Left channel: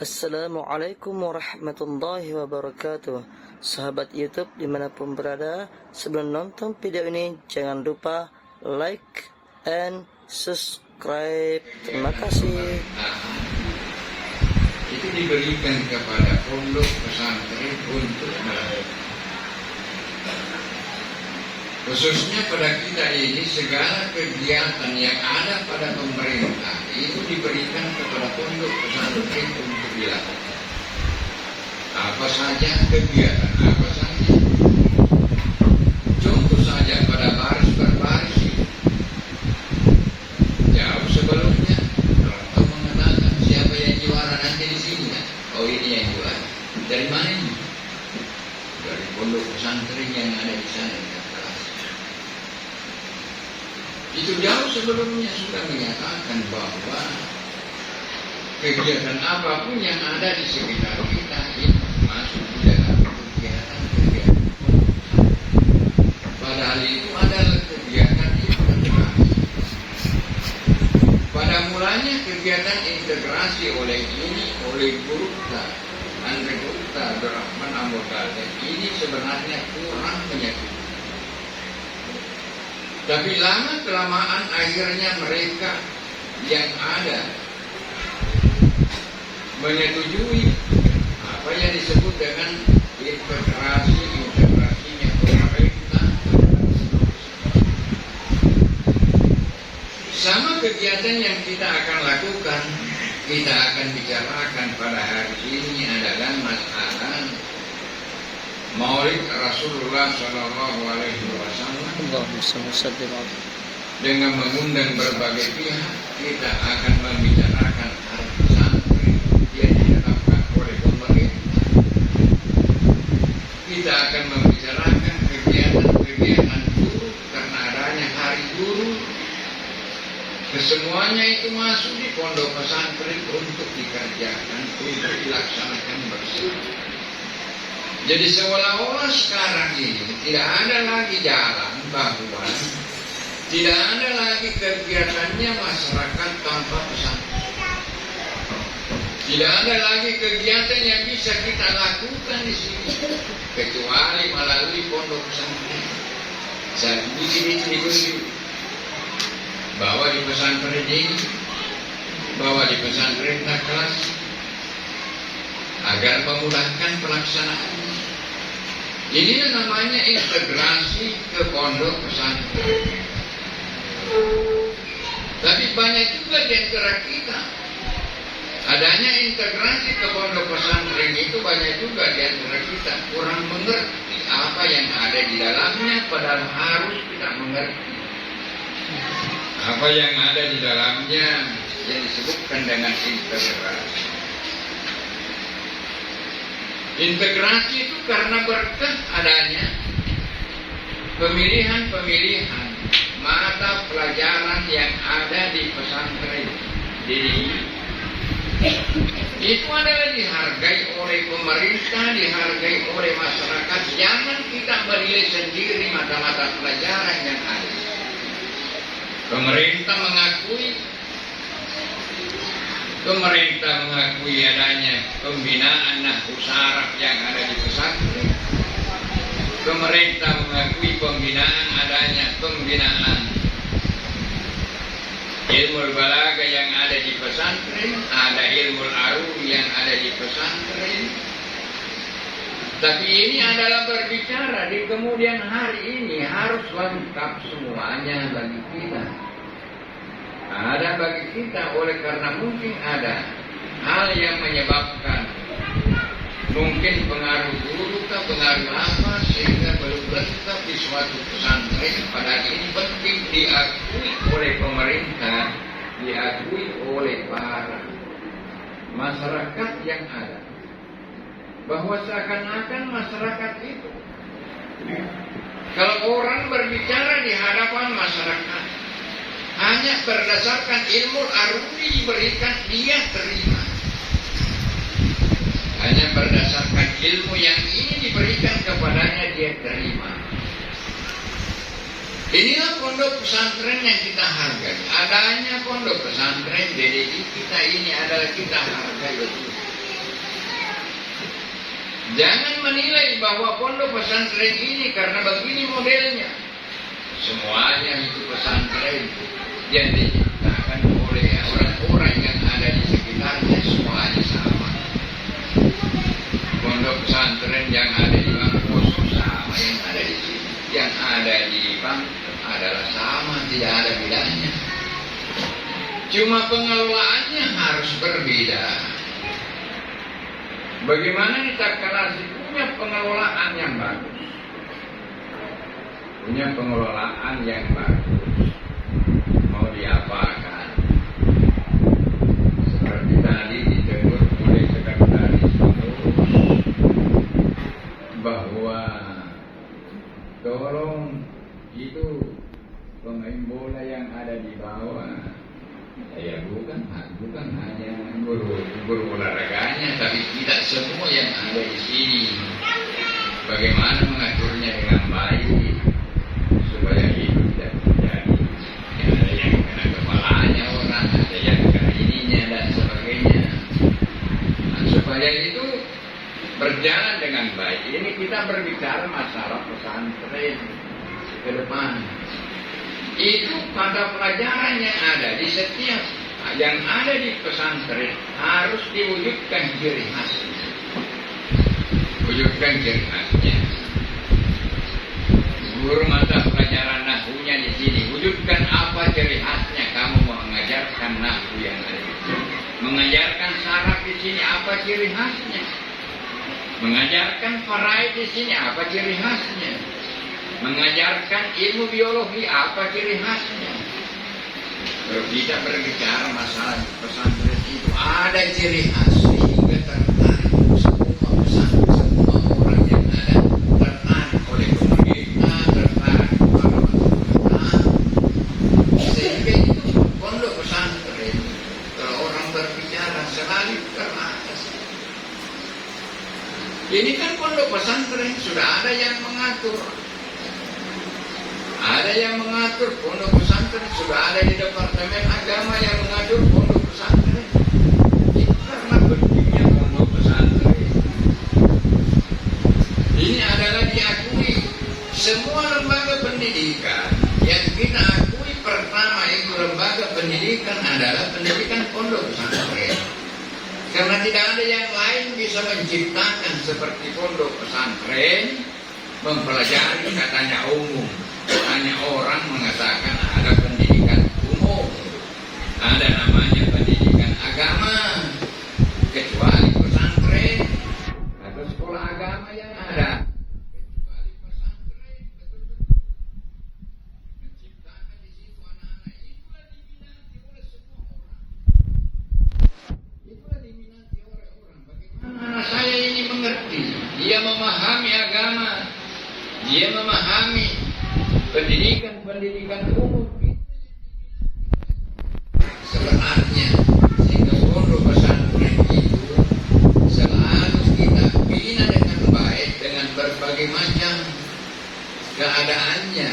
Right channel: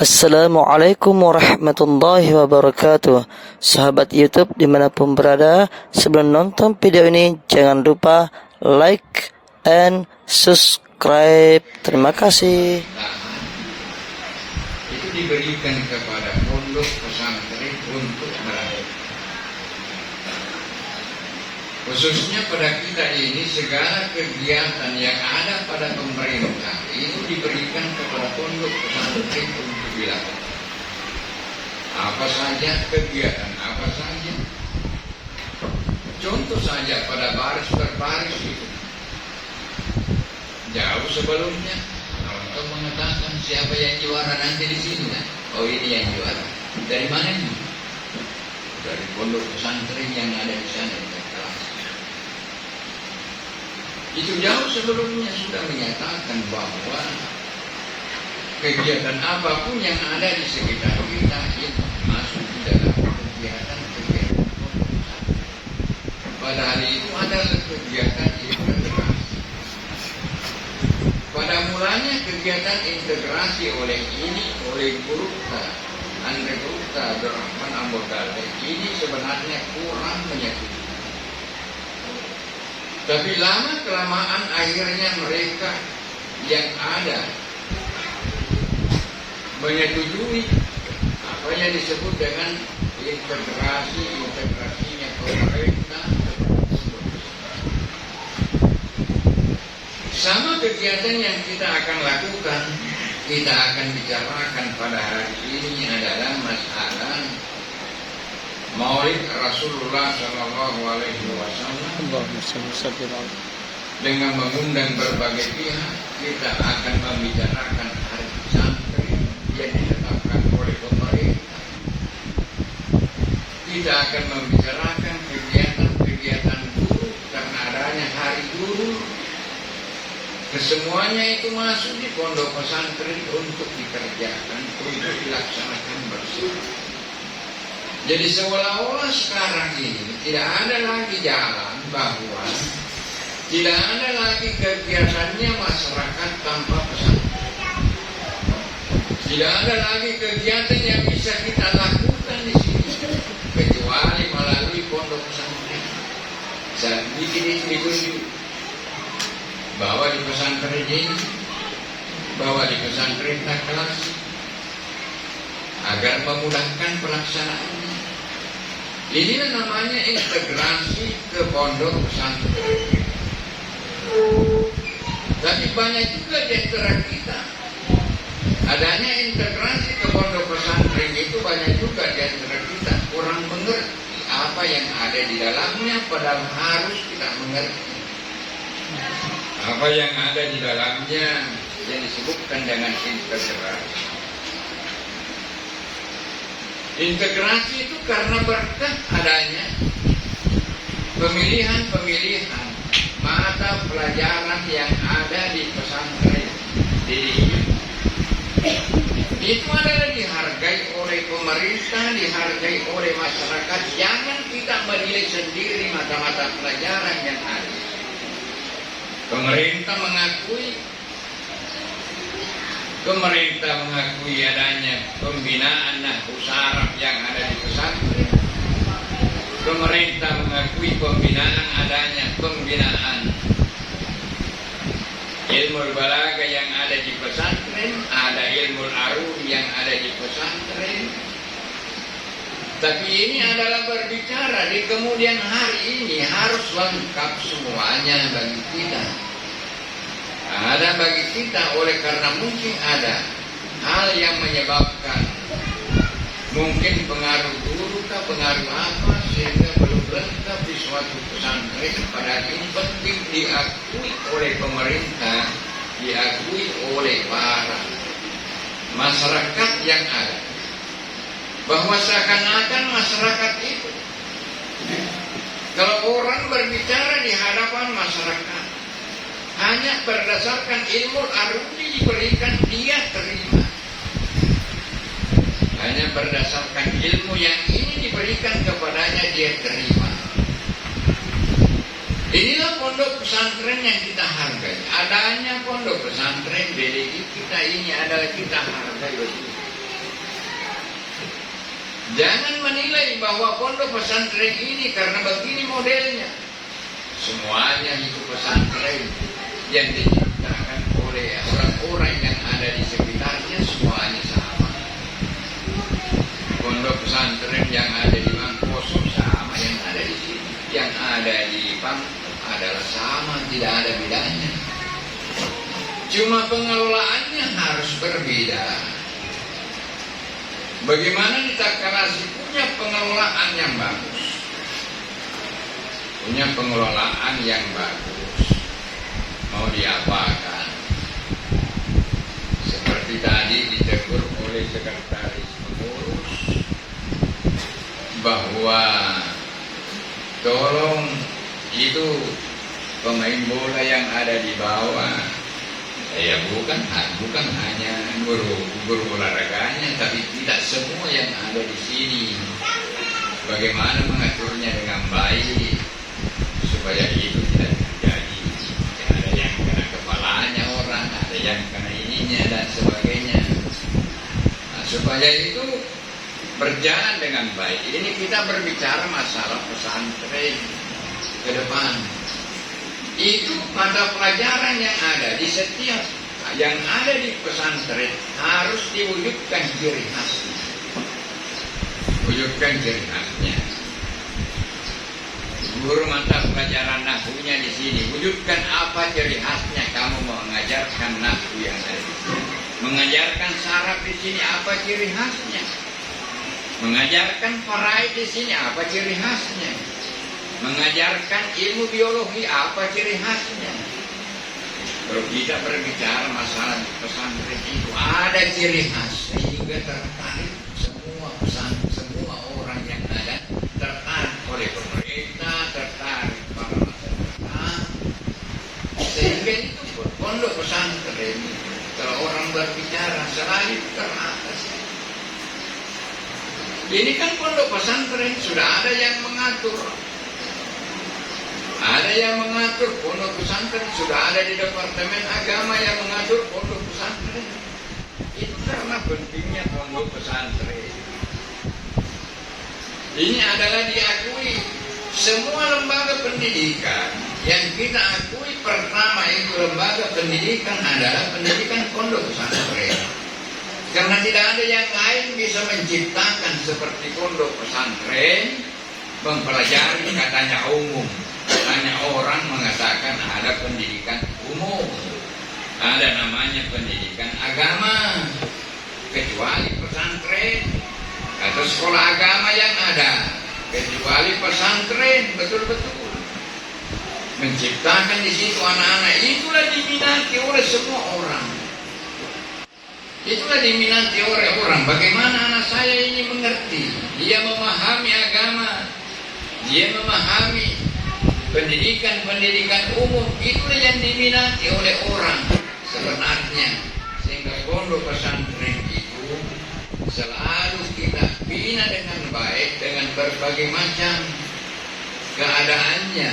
Assalamualaikum warahmatullahi wabarakatuh. Sahabat YouTube dimanapun berada, sebelum nonton video ini jangan lupa like and subscribe. Terima kasih. Itu diberikan kepada pondok pesantren untuk melatih. Khususnya pada kita ini, segala kegiatan yang ada pada pemerintah itu diberikan kepada pondok pesantren untuk dilakukan. Apa saja kegiatan, apa saja. Contoh saja pada baris berbaris itu. Jauh sebelumnya, untuk mengatakan siapa yang juara nanti di sini kan? Oh, ini yang juara. Dari mana ini? Dari pondok pesantren yang ada di sana. Itu jauh sebelumnya sudah menyatakan bahwa kegiatan apapun yang ada di sekitar kita itu masuk di dalam kegiatan-kegiatan pondok. Padahal itu adalah kegiatan integrasi. Pada mulanya kegiatan integrasi oleh guru Andre Gupta, Abdurrahman Ambotale ini sebenarnya kurang menyetujui. Tapi lama-kelamaan akhirnya mereka yang ada menyetujui apa yang disebut dengan integrasinya pemerintah. Sama kegiatan yang kita akan lakukan, kita akan bicarakan pada hari ini adalah masalah Maulid Rasulullah Shallallahu Alaihi Wasallam. Dengan mengundang berbagai pihak, kita akan membicarakan hari pesantren yang ditetapkan oleh pemerintah. Kita akan membicarakan kegiatan guru karena adanya hari guru. Kesemuanya itu masuk di pondok pesantren untuk dikerjakan, untuk dilaksanakan bersama. Jadi seolah-olah sekarang ini tidak ada lagi jalan bahwa tidak ada lagi kegiatannya masyarakat tanpa pesantren. Tidak ada lagi kegiatan yang bisa kita lakukan di sini kecuali melalui pondok pesantren. Saya bikin itu bawa di pesantren ini, bawa di pesantren kelas agar memudahkan pelaksanaannya. Inilah namanya integrasi ke pondok pesantren. Tapi banyak juga di antara kita adanya integrasi ke pondok pesantren itu banyak juga di antara kita kurang mengerti apa yang ada di dalamnya, padahal harus kita mengerti apa yang ada di dalamnya yang disebutkan dengan integrasi. Integrasi itu karena berkah adanya pemilihan mata pelajaran yang ada di pesantren. Itu adalah dihargai oleh pemerintah, dihargai oleh masyarakat. Jangan kita menilai sendiri mata-mata pelajaran yang ada. Pemerintah mengakui adanya pembinaan nahwu syaraf yang ada di pesantren. Pemerintah mengakui adanya pembinaan ilmu balaghah yang ada di pesantren, ada ilmu aruri yang ada di pesantren. Tapi ini adalah berbicara di kemudian hari ini harus lengkap semuanya bagi kita. Ada bagi kita oleh karena mungkin ada hal yang menyebabkan mungkin pengaruh guru atau pengaruh apa sehingga belum lengkap di suatu pesantren. Padahal ini penting diakui oleh pemerintah, diakui oleh para masyarakat yang ada, bahwa seakan-akan masyarakat itu kalau orang berbicara di hadapan masyarakat hanya berdasarkan ilmu aruni diberikan, dia terima. Hanya berdasarkan ilmu yang ini diberikan kepadanya, dia terima. Inilah pondok pesantren yang kita hargai. Adanya pondok pesantren BDI kita ini adalah kita hargai betul. Jangan menilai bahwa pondok pesantren ini karena begini modelnya. Semuanya itu pesantren yang diciptakan oleh orang-orang yang ada di sekitarnya, semuanya sama. Pondok pesantren yang ada di Mangkosong sama yang ada di sini, yang ada di Pangkep adalah sama, tidak ada bedanya. Cuma pengelolaannya harus berbeda. Bagaimana di Takalasi punya pengelolaan yang bagus, punya pengelolaan yang bagus, mau diapakan? Seperti tadi ditegur oleh sekretaris pengurus bahwa tolong itu pemain bola yang ada di bawah, ya bukan hanya guru olahraganya, tapi tidak semua yang ada di sini. Bagaimana mengaturnya dengan baik supaya itu tidak terjadi. Ada yang kena kepalanya orang, ada yang kena ininya dan sebagainya. Nah, supaya itu berjalan dengan baik. Ini kita berbicara masalah pesantren ke depan. Itu mata pelajaran yang ada di setiap yang ada di pesantren harus diwujudkan ciri khasnya. Wujudkan ciri khasnya. Guru mata pelajaran nahwunya di sini, wujudkan apa ciri khasnya kamu mengajarkan nahwu yang ada di sini. Mengajarkan saraf di sini apa ciri khasnya. Mengajarkan faraid di sini apa ciri khasnya. Mengajarkan ilmu biologi apa ciri khasnya. Kalau kita berbicara masalah pesantren itu ada ciri khas sehingga tertarik semua orang yang ada, tertarik oleh pemerintah, tertarik para masyarakat. Sehingga itu pondok pesantren kalau orang berbicara selalu teratas. Ini kan pondok pesantren sudah ada yang mengatur. Ada yang mengatur pondok pesantren, sudah ada di Departemen Agama yang mengatur pondok pesantren. Itu karena pentingnya pondok pesantren. Ini adalah diakui semua lembaga pendidikan yang kita akui pertama itu lembaga pendidikan adalah pendidikan pondok pesantren. Karena tidak ada yang lain bisa menciptakan seperti pondok pesantren, mempelajari katanya umum. Hanya orang mengatakan ada pendidikan umum, ada namanya pendidikan agama, kecuali pesantren atau sekolah agama yang ada, kecuali pesantren betul-betul menciptakan di situ anak-anak. Itulah diminati oleh semua orang. Itulah diminati oleh orang. Bagaimana anak saya ini mengerti, dia memahami agama, dia memahami pendidikan umum. Itulah yang diminati oleh orang sebenarnya. Sehingga pondok pesantren itu selalu kita bina dengan baik dengan berbagai macam keadaannya.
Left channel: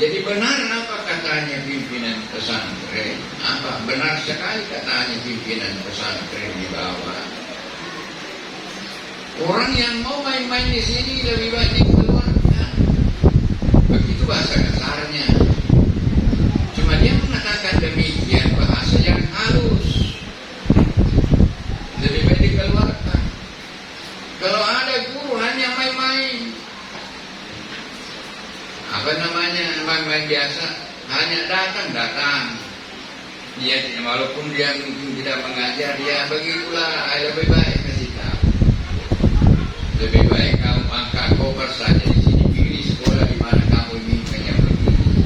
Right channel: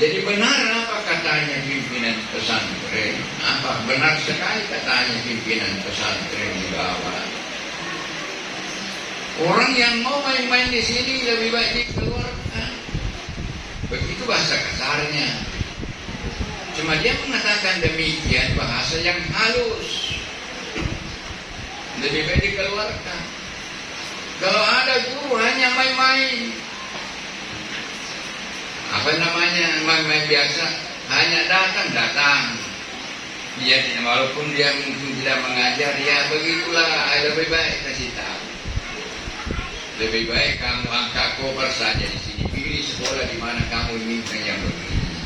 Jadi benar apa katanya pimpinan pesantren? Apa benar sekali katanya pimpinan pesantren di bawah? Orang yang mau main-main di sini lebih baik dikeluarkan. Begitu bahasa kasarnya. Cuma dia mengatakan demikian bahasa yang halus. Lebih baik dikeluarkan. Kalau ada guru hanya main-main, apa namanya, main-main biasa, hanya datang. Dia walaupun dia mungkin tidak mengajar, ya begitulah. Lebih baik kasih tahu. Lebih baik kamu angkat koper saja di sini, pilih sekolah di mana kamu inginkan yang begini.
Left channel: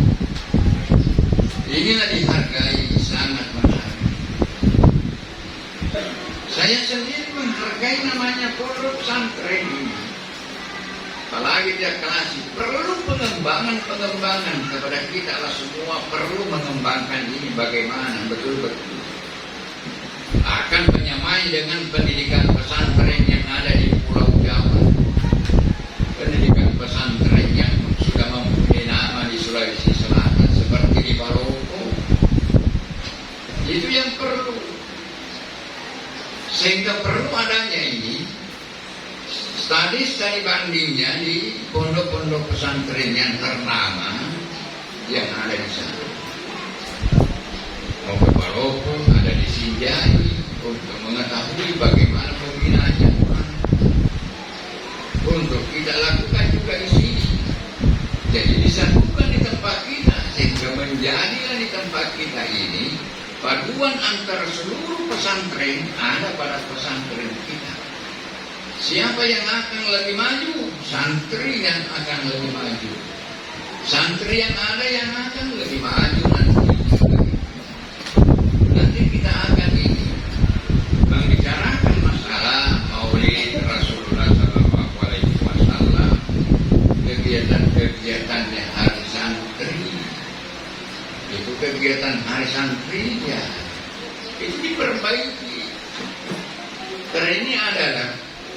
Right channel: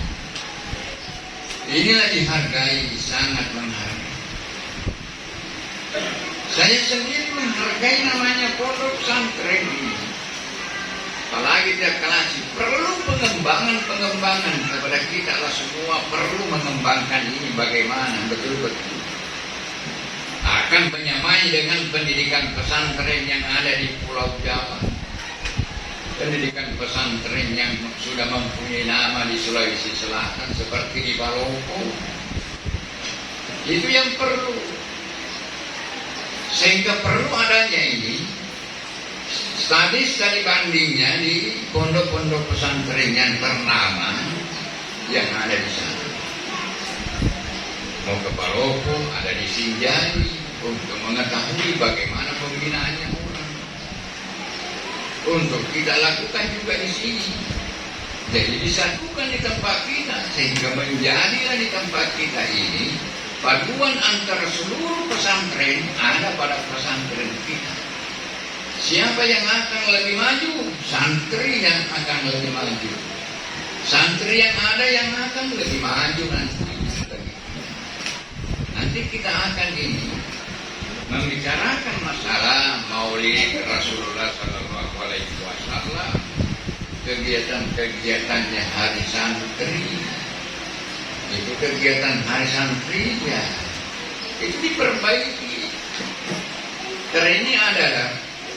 Inilah dihargai, sangat menghargai. Saya sendiri menghargai namanya pondok pesantren ini. Apalagi dia Takalasi perlu pengembangan kepada kita lah semua, perlu mengembangkan ini bagaimana betul-betul akan menyamai dengan pendidikan pesantren yang ada di Pulau Jawa, pendidikan pesantren yang sudah mempunyai nama di Sulawesi Selatan seperti di Palopo. Itu yang perlu, sehingga perlu adanya ini Studi bandingnya di pondok-pondok pesantren yang ternama yang ada di sana. Mau ke Palopo, ada di Sinjai, untuk mengetahui bagaimana pembinaannya. Untuk kita lakukan juga di sini. Jadi disatukan di tempat kita, sehingga menjadilah di tempat kita ini paduan antara seluruh pesantren ada pada pesantren kita. Siapa yang akan lebih maju? Santri yang akan lebih maju. Santri yang ada yang akan lebih maju nanti. Nanti kita akan ini membicarakan masalah Maulid Rasulullah SAW, kegiatan-kegiatannya hari santri. Itu kegiatan hari santri ya, itu diperbaiki. Karena ini adalah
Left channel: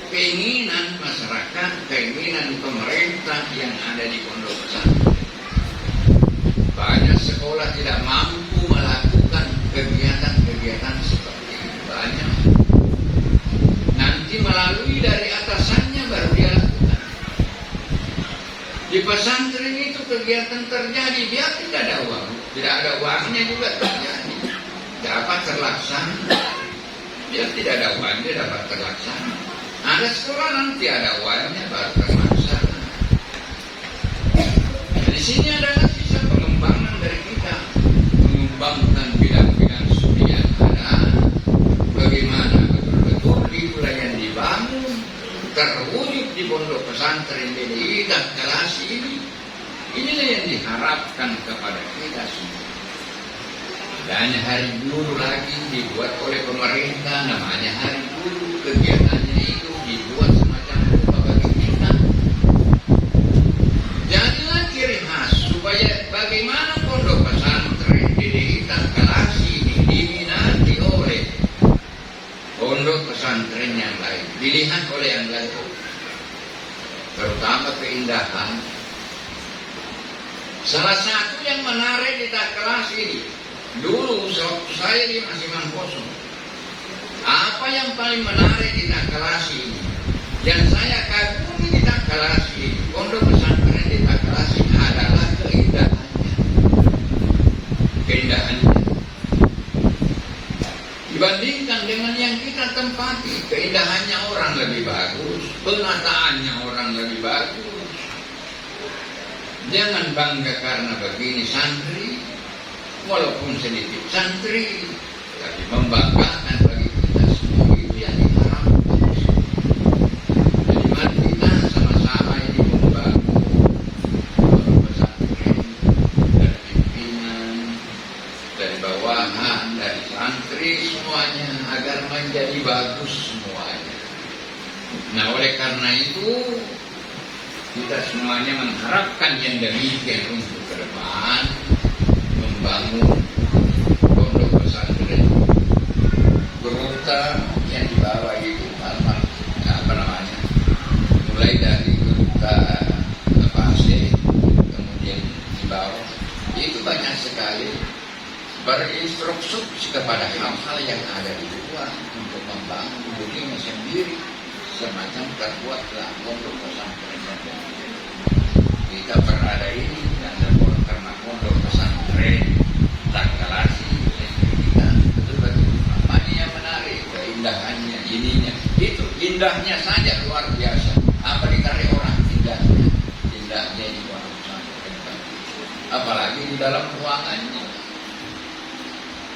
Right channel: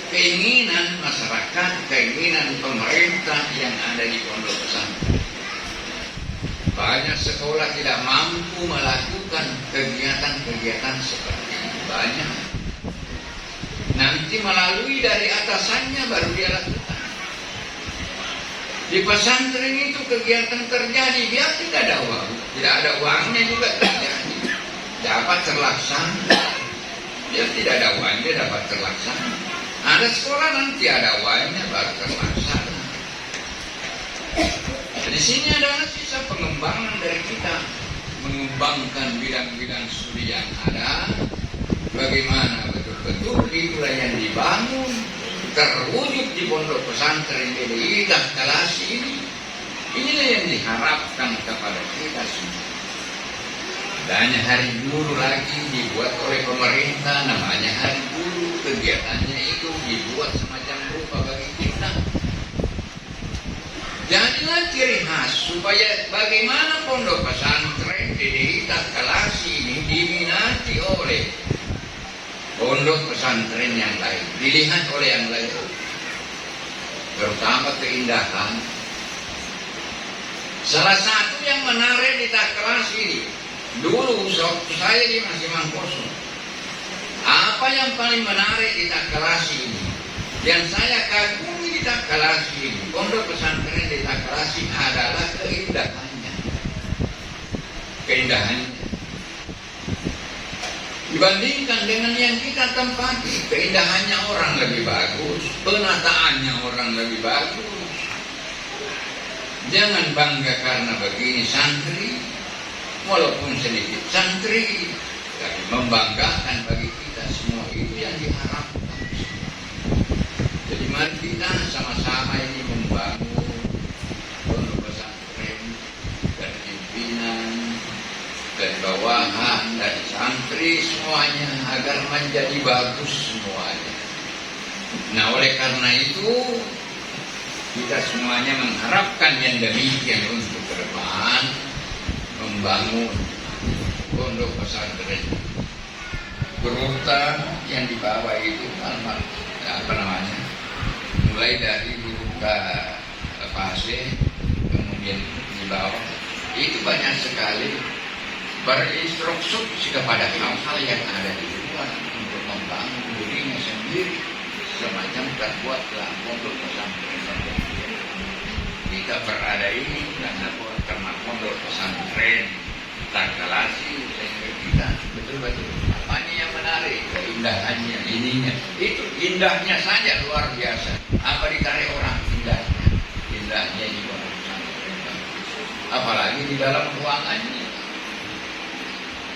keinginan masyarakat, keinginan pemerintah yang ada di pondok pesantren. Banyak sekolah tidak mampu melakukan kegiatan-kegiatan seperti ini. Banyak. Nanti melalui dari atasannya baru dia lakukan. Di pesantren itu kegiatan terjadi, dia tidak ada uang. Tidak ada uangnya juga terjadi. Dapat terlaksana. Dia tidak ada uang, dia dapat terlaksana. Ada sekolah nanti ada uangnya baru terlaksana. Di sini adalah sisa pengembangan dari kita, mengembangkan bidang-bidang studi yang ada, bagaimana betul-betul itulah yang dibangun, terwujud di pondok pesantren BDI dan kelas ini. Inilah yang diharapkan kepada kita semua. Adanya hari guru lagi dibuat oleh pemerintah, namanya hari guru, kegiatannya itu dibuat semacam rupa bagi kita. Jadilah ciri khas supaya bagaimana pondok pesantren BDI dan kelas ini diminati oleh pondok pesantren yang lain, dilihat oleh yang lain, terutama keindahan. Salah satu yang menarik di kelas ini, dulu saya di masih kosong. Apa yang paling menarik di kelas ini, yang saya kagumi di kelas ini, pondok pesantren di kelas ini adalah keindahannya. Keindahannya. Dibandingkan dengan yang kita tempati, keindahannya orang lebih bagus, penataannya orang lebih bagus. Jangan bangga karena begini santri, walaupun sedikit santri, tapi membanggakan bagi kita semua itu yang diharapkan. Jadi mari kita sama-sama ini membangun pondok pesantren dari pimpinan, dari bawahan, dari santri semuanya agar menjadi bagus semuanya. Nah oleh karena itu kita semuanya mengharapkan yang demikian untuk ke depan membangun pondok pesantren. Beruta yang dibawa itu apa namanya? Mulai dari beruta Pasir, kemudian dibawa itu banyak sekali berinstruksi kepada hal-hal yang ada di luar untuk membangun dirinya sendiri semacam terbuat dalam pondok pesantren. Kita berada ini karena pondok pesantren Takalasi, kita betul-betul apanya yang menarik, keindahannya, ininya, itu indahnya saja luar biasa. Apa dikari orang indahnya di pondok pesantren, apalagi di dalam ruangannya.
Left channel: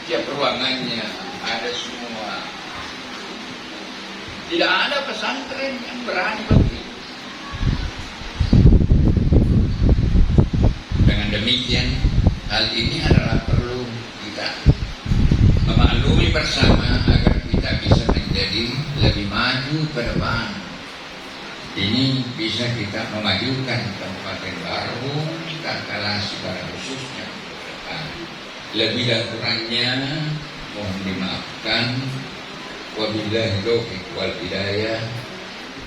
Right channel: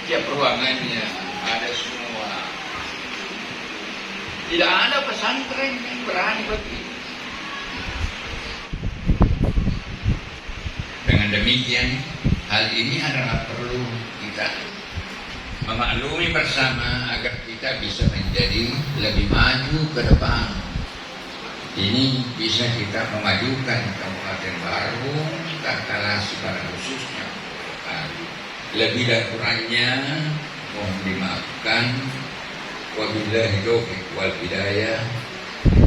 Tiap ruangannya ada semua. Tidak ada pesantren yang berani begini. Dengan demikian, hal ini adalah perlu kita memaklumi bersama agar kita bisa menjadi lebih maju ke depan. Ini bisa kita memajukan Kabupaten Barung, Takalasi pada khususnya. Lebih dan kurangnya mohon dimaafkan. Wabillahi taufiq wal hidayah.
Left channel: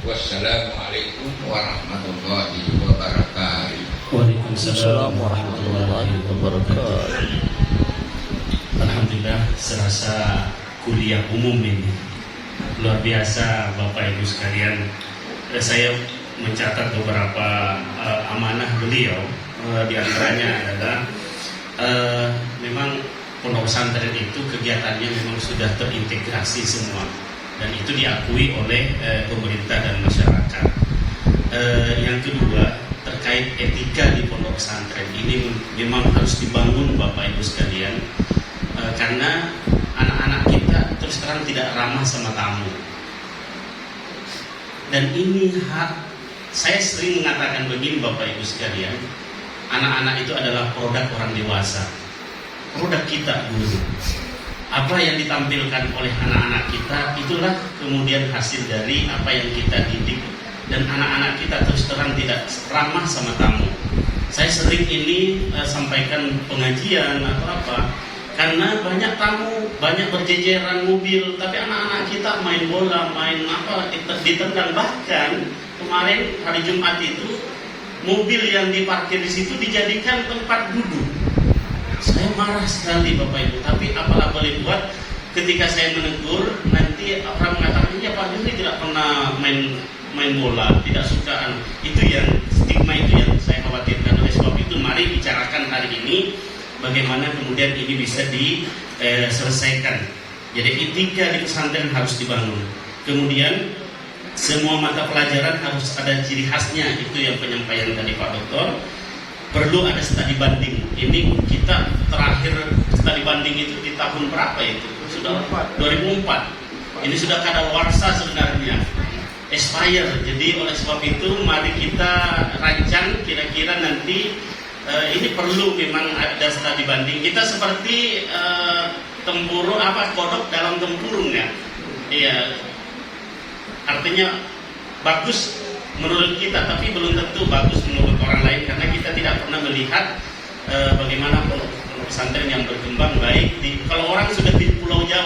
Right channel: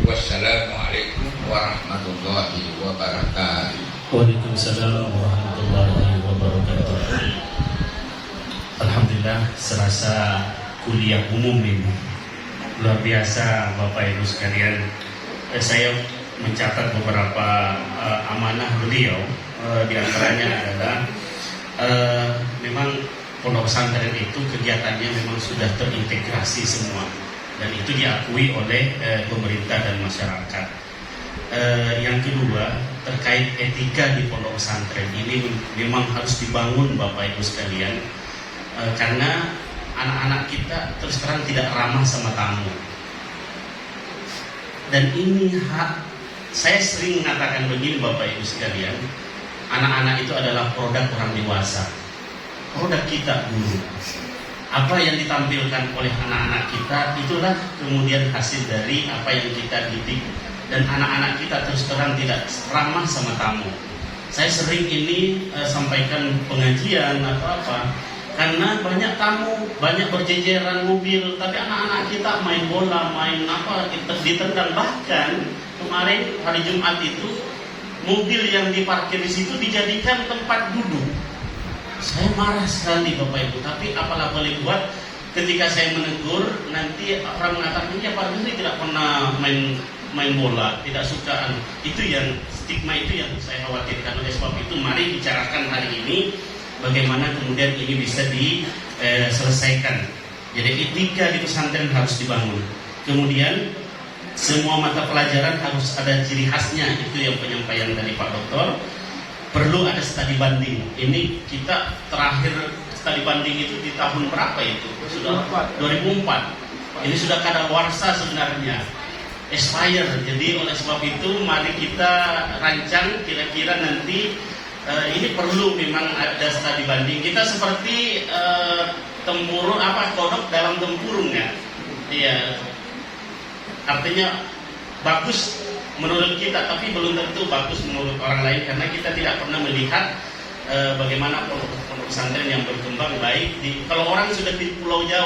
Wassalamualaikum warahmatullahi wabarakatuh. Waalaikumsalam warahmatullahi wabarakatuh. Alhamdulillah, serasa kuliah umum ini. Luar biasa Bapak Ibu sekalian. saya mencatat beberapa amanah beliau, di antaranya adalah memang pondok pesantren itu kegiatannya memang sudah terintegrasi semua, dan itu diakui oleh pemerintah dan masyarakat. Yang kedua, terkait etika di pondok pesantren ini memang harus dibangun Bapak Ibu sekalian, karena anak-anak kita terus terang tidak ramah sama tamu. Dan ini saya sering mengatakan begini Bapak Ibu sekalian, anak-anak itu adalah produk orang dewasa, produk kita dulu. Apa yang ditampilkan oleh anak-anak kita, itulah kemudian hasil dari apa yang kita didik. Dan anak-anak kita terus terang tidak ramah sama tamu. Saya sering ini sampaikan pengajian atau apa, karena banyak tamu, banyak berjejeran mobil, tapi anak-anak kita main bola, main apa, kita ditendang. Bahkan kemarin hari Jumat itu mobil yang diparkir di situ dijadikan tempat duduk. Saya marah sekali Bapak Ibu, tapi apalah boleh buat. Ketika saya menegur, nanti orang mengatakan, ya Pak ini tidak pernah main bola, tidak suka. Itu yang stigma itu yang saya khawatirkan. Oleh sebab itu mari bicarakan hari ini bagaimana kemudian ini bisa diselesaikan. Jadi etika di pesantren harus dibangun. Kemudian semua mata pelajaran harus ada ciri khasnya. Itu yang penyampaian dari Pak Dokter. Perlu ada studi banding. Ini kita terakhir studi banding itu di tahun berapa itu? Sudah 2004. Ini sudah kadaluarsa sebenarnya, expire. Jadi oleh sebab itu mari kita rancang kira-kira nanti ini perlu memang ada studi banding. Kita seperti tempurung kodok dalam tempurung ya. Iya. Artinya bagus menurut kita, tapi belum tentu bagus menurut orang lain, karena kita tidak pernah melihat bagaimana pondok pesantren yang berkembang baik kalau orang sudah di Pulau Jawa.